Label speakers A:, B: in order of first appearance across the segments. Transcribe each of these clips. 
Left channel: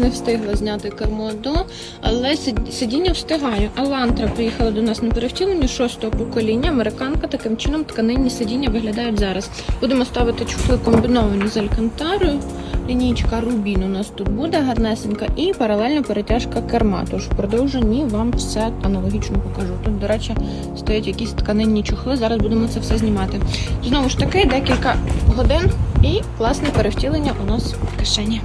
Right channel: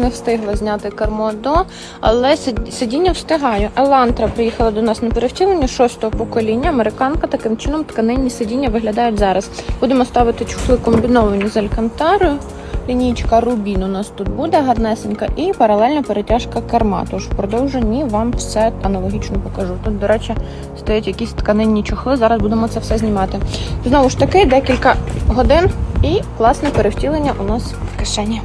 A: Не встигла зняти кермо до, але сидіння встигаю. Елантра приїхала до нас на перевтілення шостого покоління. Американка таким чином тканинні сидіння виглядають зараз. Будемо ставити чохли комбіновані з алькантарою. Лінійка Рубін у нас тут буде гарнесенька і паралельна перетяжка керма. Тож в продовженні вам все аналогічно покажу. Тут, до речі, стоять якісь тканинні чохли. Зараз будемо це все знімати. Знову ж таки, декілька годин і класне перевтілення у нас в кишені.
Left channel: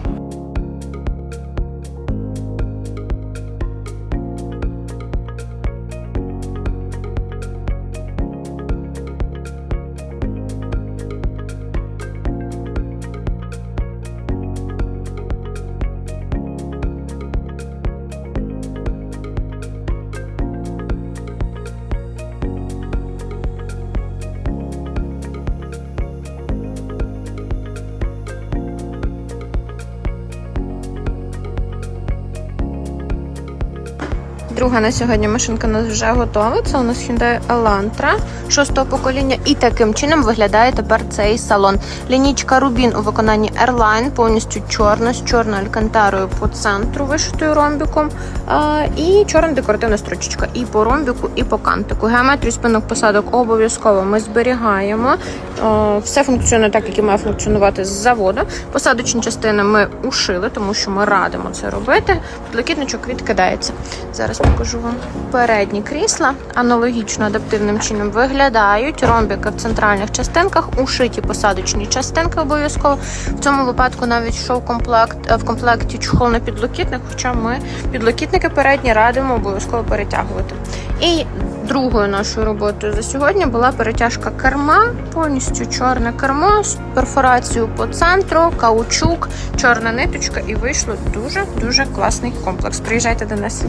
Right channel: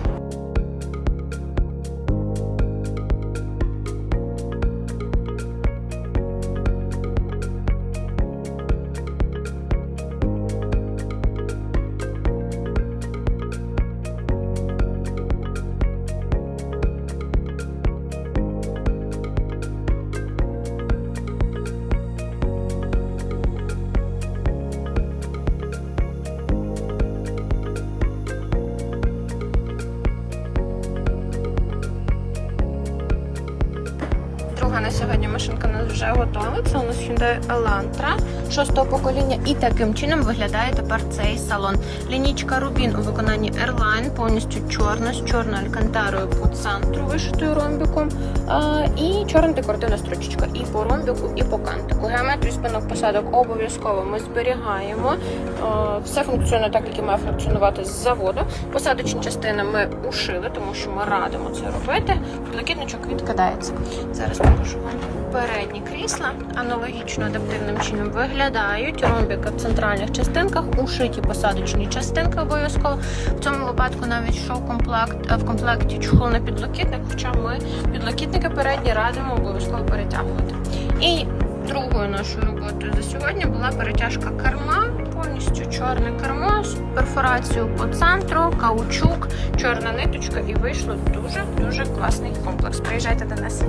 A: Друга на сьогодні машинка у нас вже готова. Це у нас Hyundai Elantra шостого покоління. І таким чином виглядає тепер цей салон. Лінічка Рубін у виконанні Airline, повністю чорна, з чорною алькантарою по центру, вишитою ромбіком. І чорна декоративна строчечка. І по ромбіку, і по кантику. Геометрію спинок посадок обов'язково ми зберігаємо. Все функціонує так, як і має функціонувати з заводу. Посадочні частини ми ушили, тому що ми радимо це робити. Блакитничок відкидається. Зараз покажу вам передні крісла. Аналогічно адаптивним чином виглядають. Ромбики в центральних частинках, ушиті посадочні частинки обов'язково. В цьому випадку навіть йшов комплект е, в комплекті чохол на підлокітник, хоча ми підлокітники передні радимо обов'язково перетягувати. І другою нашою роботою за сьогодні була перетяжка керма, повністю чорне кермо з перфорацією по центру, каучук, чорна ниточка, і вийшло дуже дуже класний комплекс. Приїжджайте до нас.